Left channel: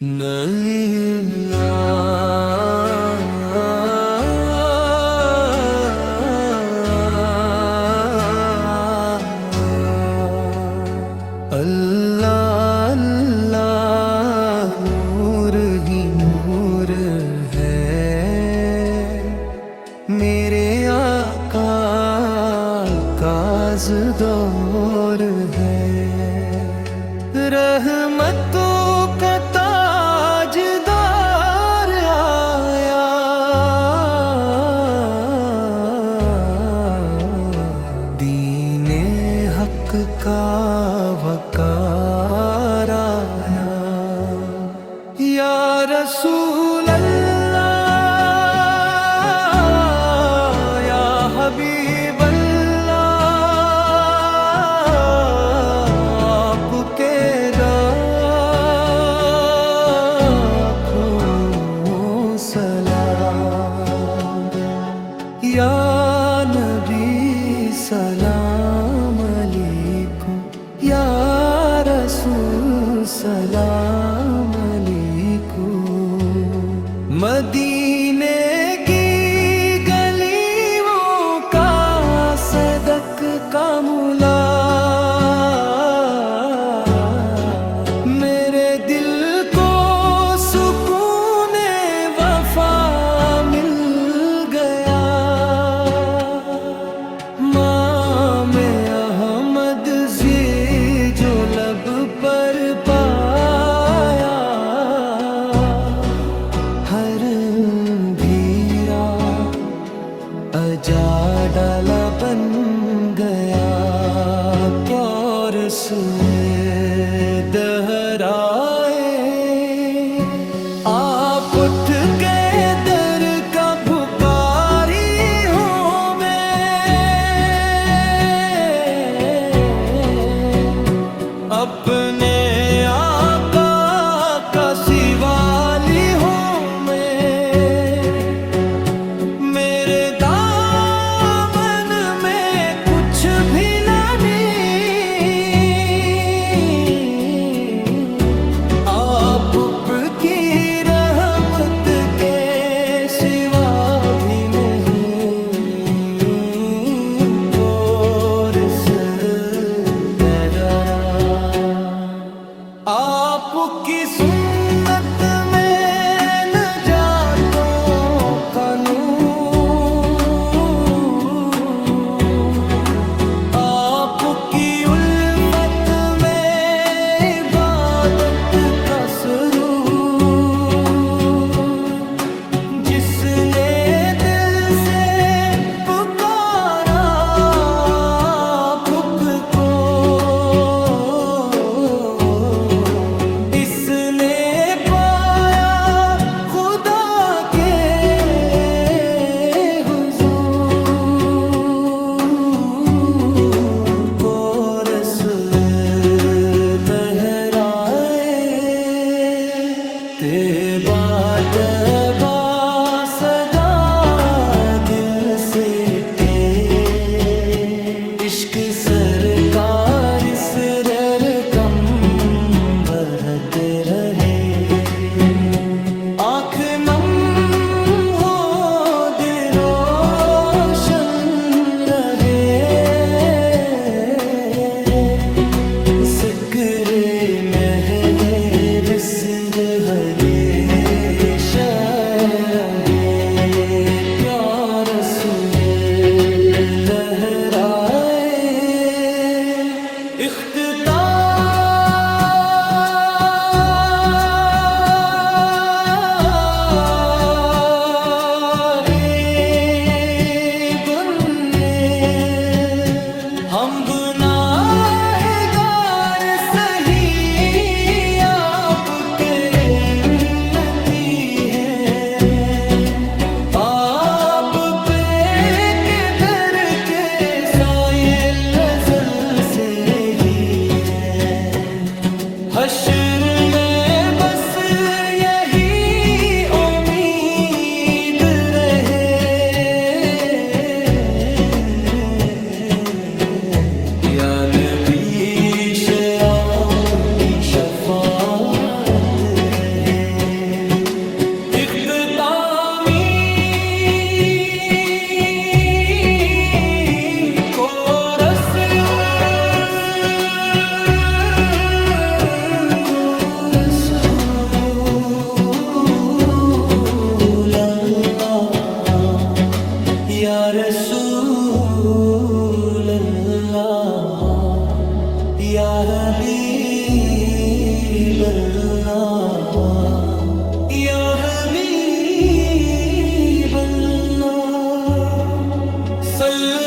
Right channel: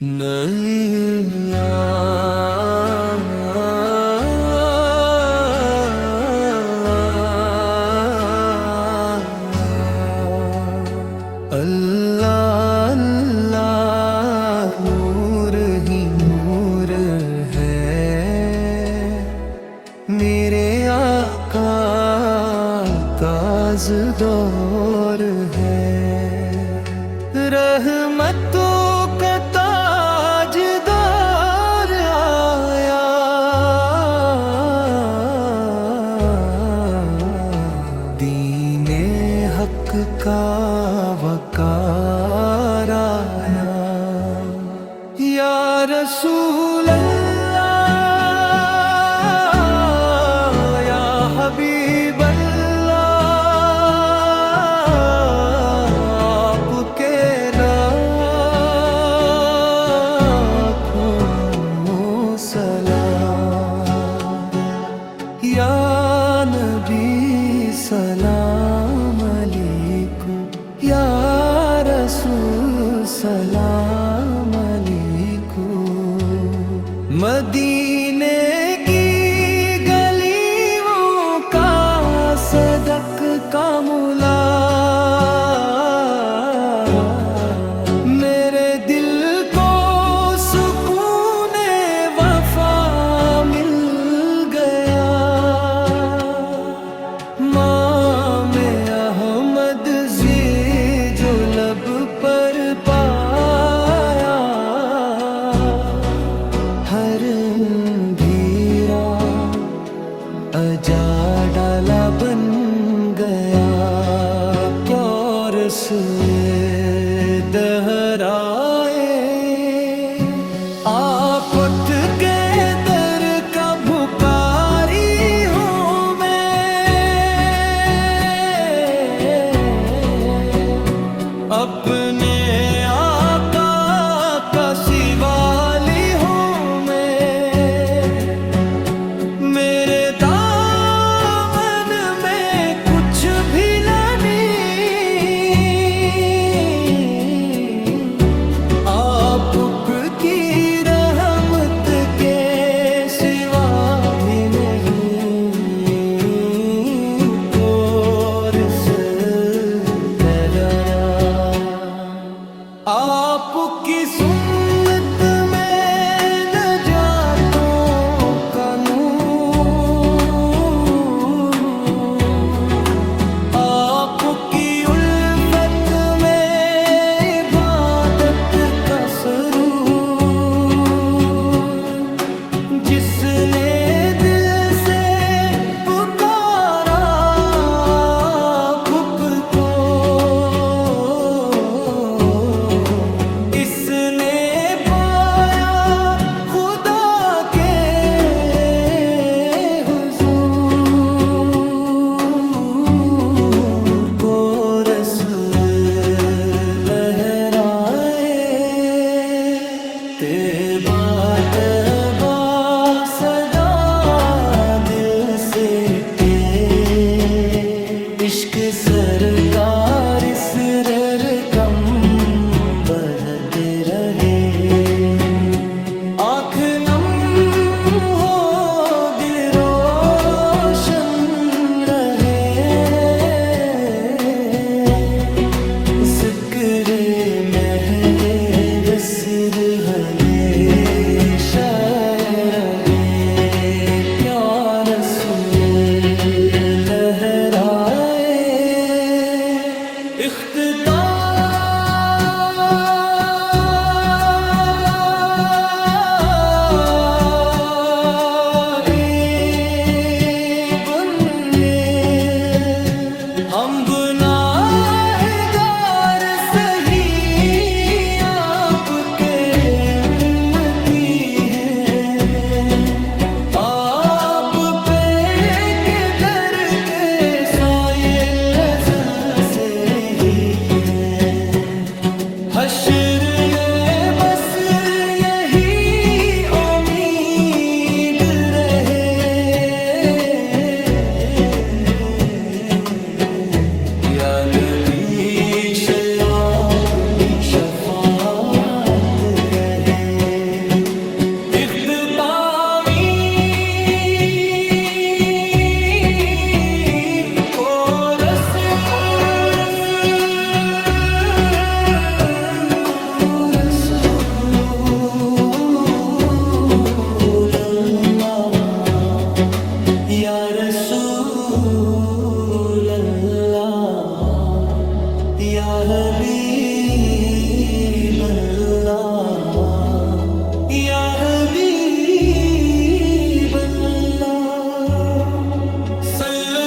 نہیں اللہ اللہ نور ہی نور ہے میرے آقا تازدور ہے رحمتوں کا تاجدار آیا دین حق کا وقار آیا یا رسول اللہ یا حبیب اللہ آپ کے لاکھوں سلام یا نبی سلام علیکم یا رسول سلام علیکم مدینے کی گلیوں کا صدق کا ملا میرے دل کو سکون وفا مل گیا مام احمد زی جو لب پر پایا ہر بھیرا اجا ڈالا بن گیا پیار سے دہرائے آپ اٹھ کے در کا بھکاری ہوں میں اپنے آقا کا سوالی ہوں میں میرے دامن میں کچھ بھی آپ کی رحمت کے سوا بھی نہیں کورس تیرا آپ کی سنت میں نجاتوں کا نور آپ کی الفت میں عبادت کا سرور جس نے دل سے پکارا آپ کو اس نے پایا خدا کے حضور کو رسول لہرائے تیبا تیبا صدا دل سے اٹھے عشق سرکار اس رقم بڑھتے رہے آنکھ نم ہو دل روشن رہے ذکر مہد رسد حلے رہے کیا رسول لہرائے ہم گناہگار سہی آپ کے امتی ہیں آپ پہ کے در کے سائل ازل سے ہی ہیں حشر میں بس یہی امید رہے یا نبی آپ کی شفاعت رہے رسول اللہ یا حبیب اللہ یا حبیب اللہ صلو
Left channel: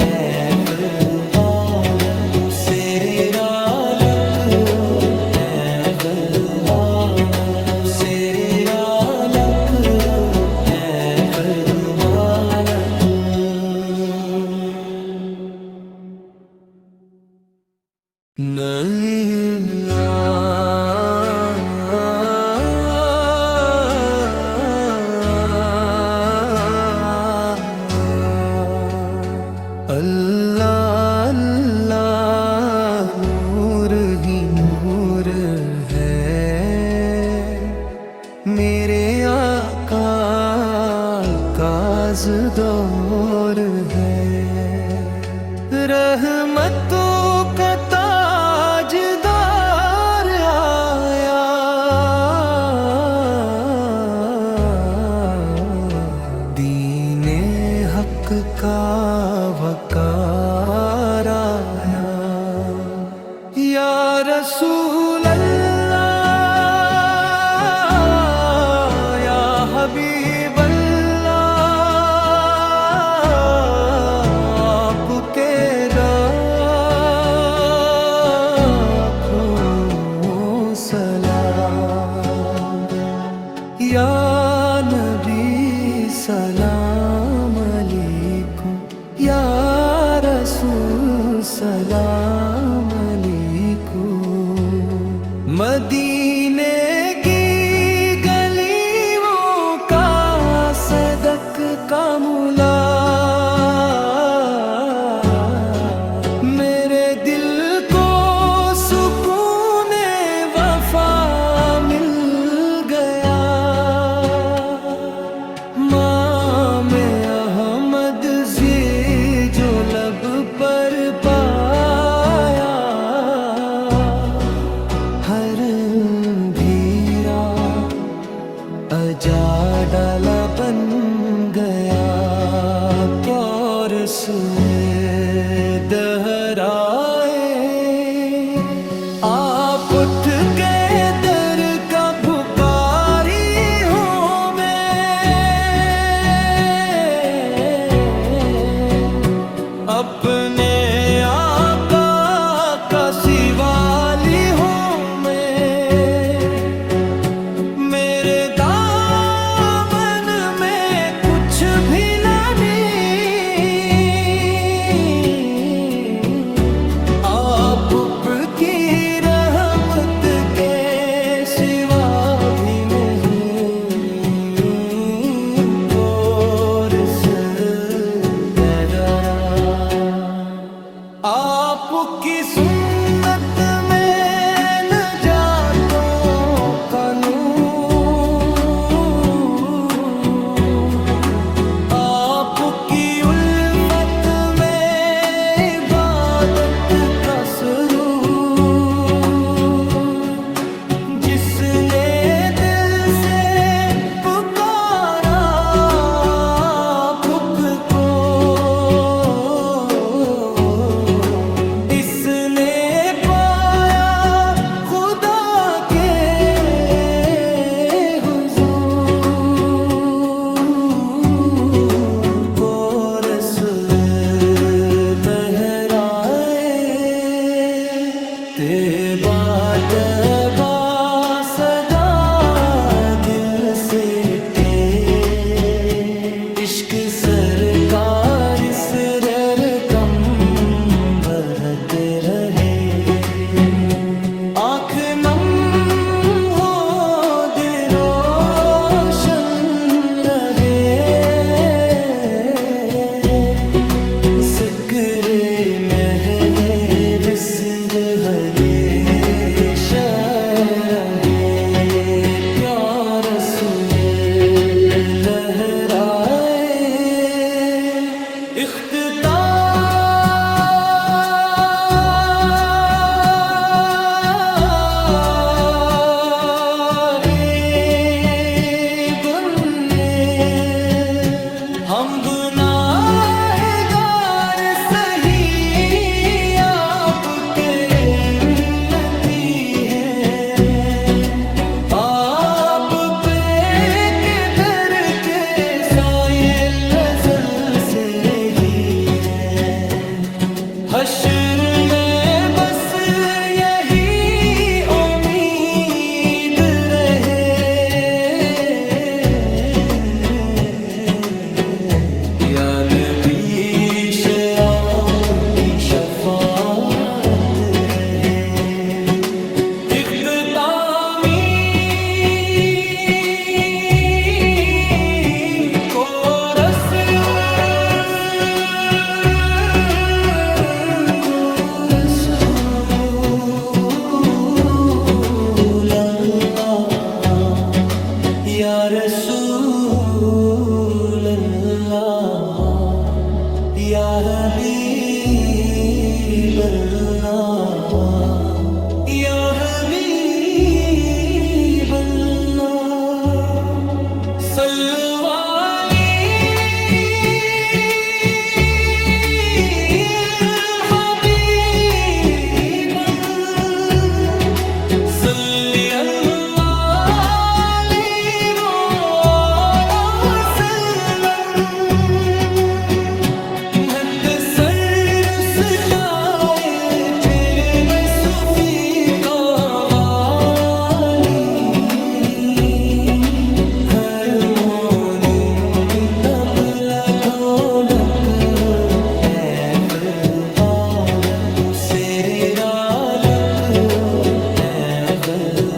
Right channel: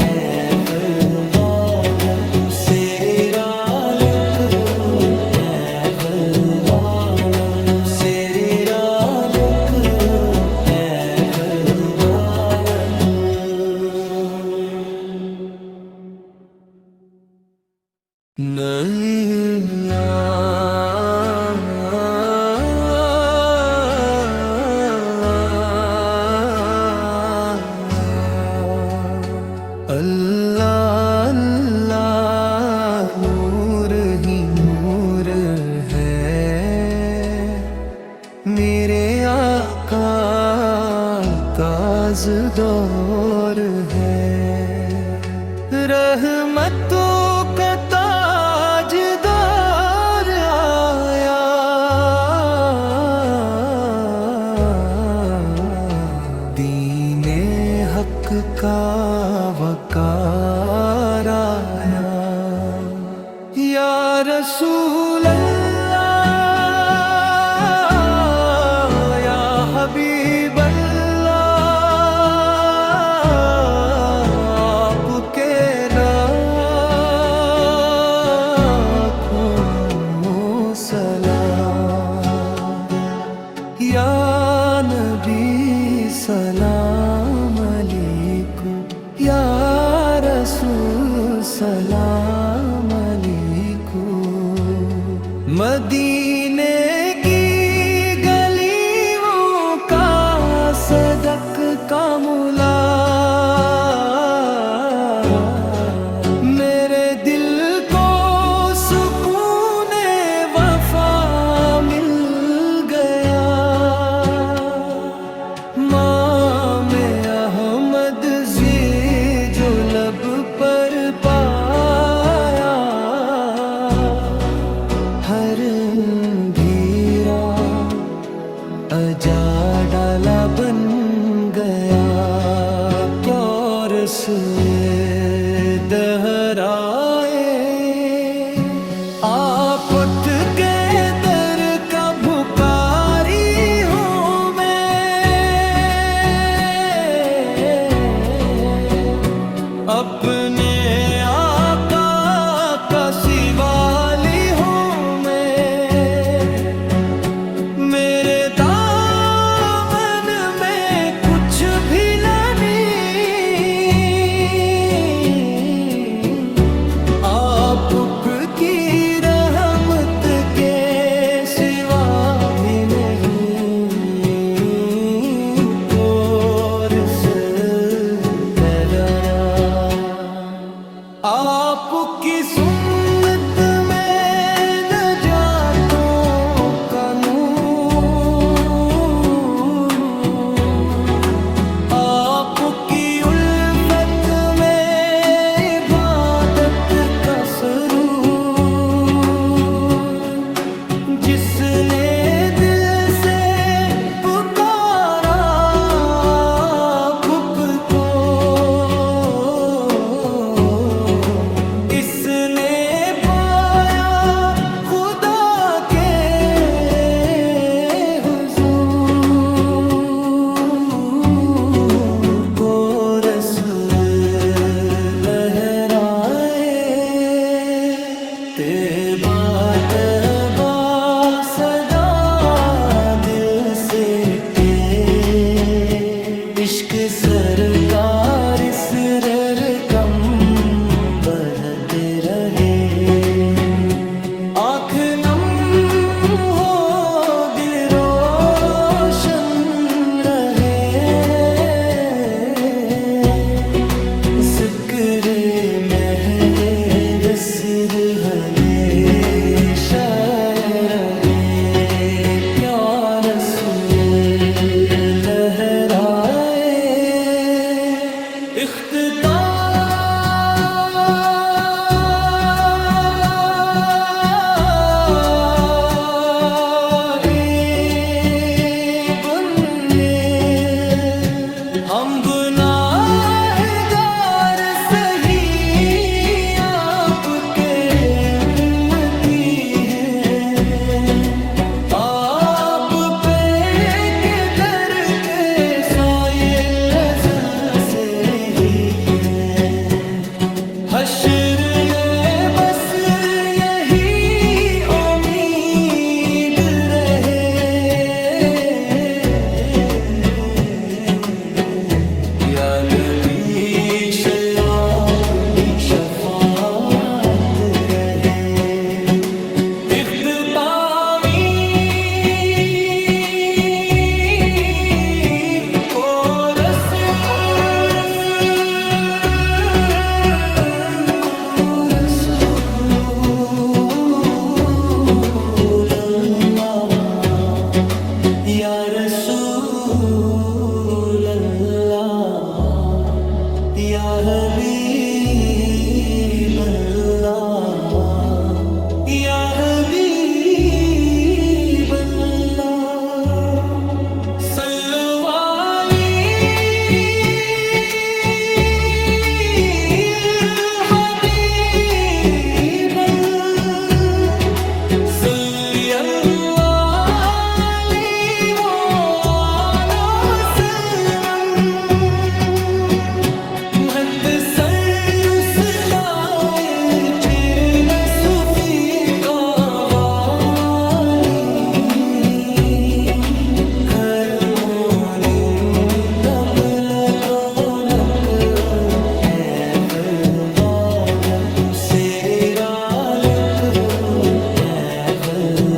ہے بلوالا سیرے رالک ہے بلوالا سیرے رالک ہے بلوالا اللہ اللہ نور ہی نور ہے میرے آقا کا دور ہے رحمتوں کا تاجدار آیا دین حق کا وقار آیا یا رسول اللہ یا حبیب اللہ آپ کے لاکھوں سلام یا نبی سلام علیکم یا رسول سلام علیکم مدینے کی گلیوں کا صدق کا ملا میرے دل کو سکون وفا مل گیا مام احمد جو لب پر پایا ہر دھیرا اجا ڈالا بن گیا پیار سے دہرائے آپ اٹھ کے در کا بھکاری ہوں اپنے آقا کا سوالی ہوں میرے دامن میں کچھ بھی نہیں آپ کی رحمت کے سوا بھی نہیں کورس درارا آپ کی سنت میں نجاتوں کا نور آپ کی الفت میں عبادت کا سرور جس نے دل سے پکارا پھپ کو تیبا تیبا صدا دل سے اٹھے عشق سرکار سرر کم بڑھتے رہے آنکھ نم ہو دل روشن رسد حلے شرحے کیا رسول لہرائے ہم گناہگار سہی آپ کے امتی ہیں آپ پہ کے در کے سائل ازل سے ہی ہیں حشر میں بس یہی امید رہے یا نبی آپ کی شفاعت رہے اختتامی کورس رسول اللہ یا رسول اللہ یا حبیب اللہ یا حبیب اللہ صلو علی حبیب صلی اللہ علیہ وآلہ وسلم مہت سر اسٹائے چر میں صوفی کا والی گھر مونی تبلا ڈھولک اے بلوایا سری رالک اے بل